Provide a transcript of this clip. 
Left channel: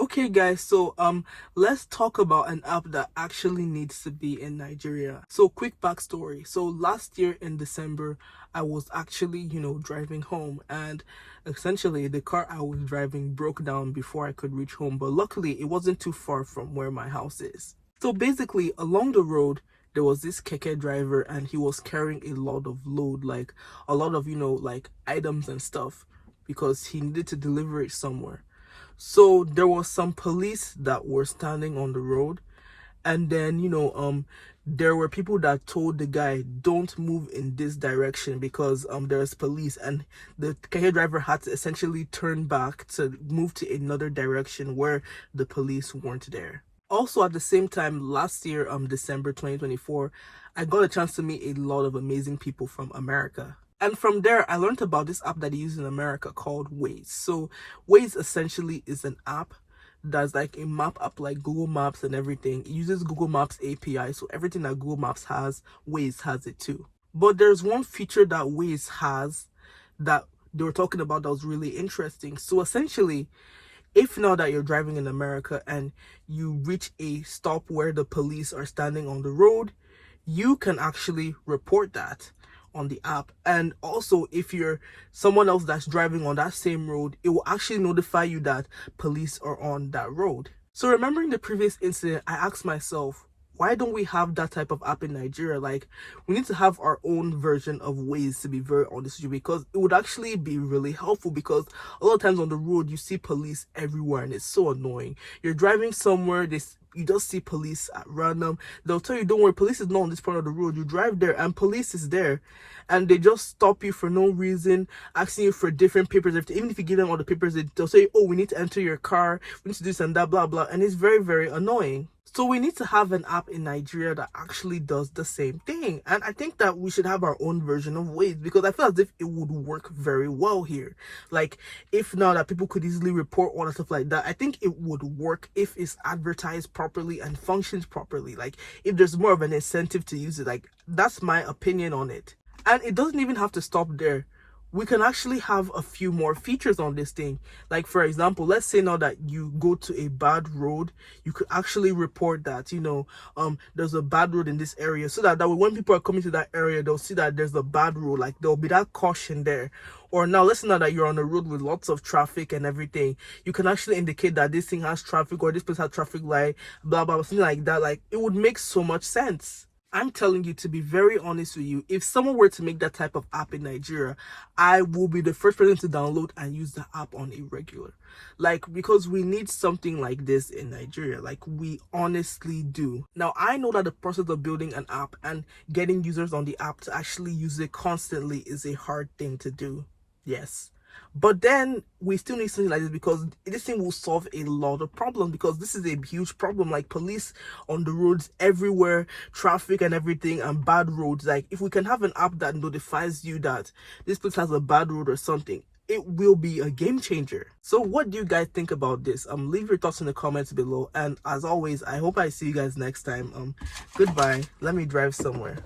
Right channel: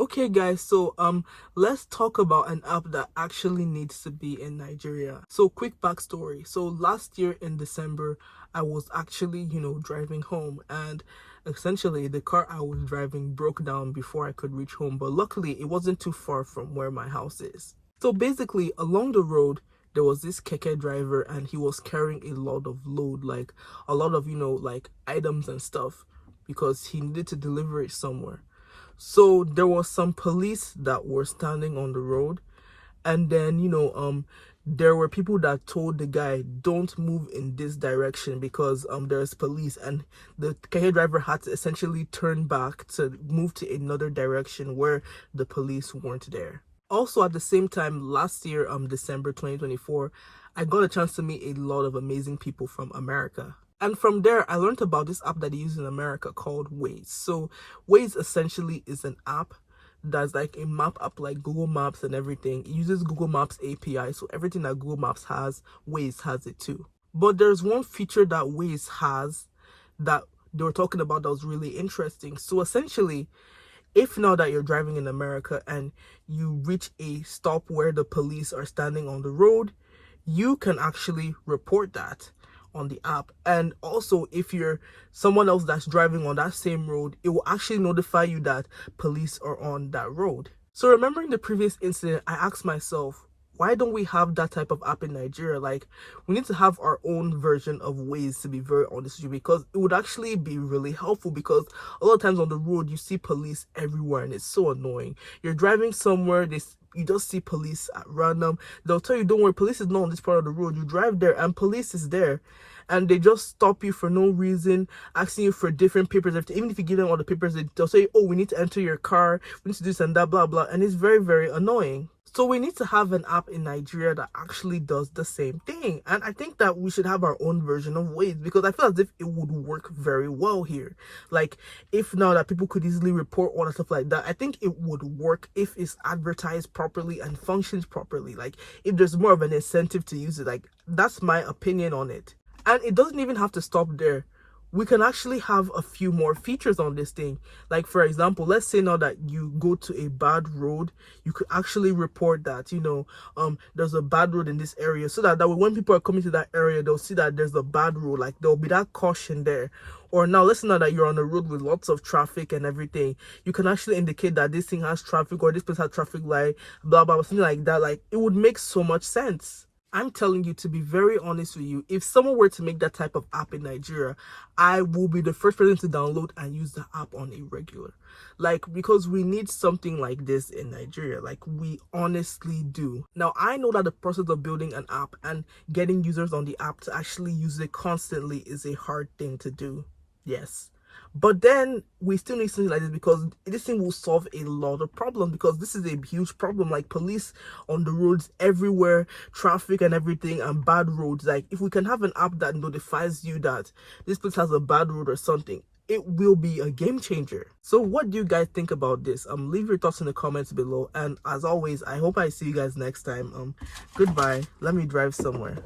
Okay guys, so let's talk about an app that actually needs to be in Nigeria. So quick backstory. So last year in December, I was actually, driving home, and essentially the car I was driving broke down before I could reach home, but luckily it wasn't too far from where my house is. So basically along the road there was this keke driver, and he was carrying a lot of load, like a lot of, like items and stuff, because he needed to deliver it somewhere. So there was some police that were standing on the road, and then there were people that told the guy, don't move in this direction because there's police, and the keke driver had to essentially turn back to move to another direction where the police weren't there. Also at the same time last year, December 2024, I got a chance to meet a lot of amazing people from America. And from there, I learned about this app that they use in America called Waze. So Waze essentially is an app that's like a map app like Google Maps and everything. It uses Google Maps API. So everything that Google Maps has, Waze has it too. But there's one feature that Waze has that they were talking about that was really interesting. So essentially, if now that you're driving in America and you reach a stop where the police are standing on the road, you can actually report that on the app. And also, if you're someone else that's driving on that same road, it will actually notify you that police are on that road. So remembering the previous incident, I asked myself, why don't we have that type of app in Nigeria? Like, we need to have our own version of Waze, to be very honest with you, because it would actually be really helpful, because a lot of times on the road you see police everywhere and it's so annoying. You're driving somewhere, you just see police at random. They'll tell you, don't worry, police is not on this part of the road. You drive there and police is there, and they just stop you for no reason, asking you for different papers. Even if you give them all the papers, they'll say, oh, we need to enter your car, we need to do this and that, blah blah, and it's very, very annoying. So we need to have an app in Nigeria that actually does the same thing. And I think that we should have our own version of Waze, because I feel as if it would work very well here. Like, if now that people could easily report all and stuff like that, I think it would work if it's advertised properly and functions properly. Like, if there's more of an incentive to use it. Like, that's my opinion on it. And it doesn't even have to stop there. We can actually have a few more features on this thing. Like, for example, let's say now that you go to a bad road, you could actually report that, there's a bad road in this area, so that way when people are coming to that area, they'll see that there's a bad road. Like, there'll be that caution there. Or now, let's say now that you're on a road with lots of traffic and everything, you can actually indicate that this thing has traffic, or this place has traffic light, blah blah, something like that. Like, it would make so much sense. I'm telling you, to be very honest with you, if someone were to make that type of app in Nigeria, I will be the first person to download and use the app on a regular. Like, because we need something like this in Nigeria. Like, we honestly do. Now, I know that the process of building an app and getting users on the app to actually use it constantly is a hard thing to do. Yes. But then we still need something like this, because this thing will solve a lot of problems, because this is a huge problem. Like, police on the roads everywhere, traffic and everything, and bad roads. Like, if we can have an app that notifies you that this place has a bad road or something, it will be a game changer. So what do you guys think about this? Leave your thoughts in the comments below, and as always, I hope I see you guys next time. Goodbye. Let me drive somewhere.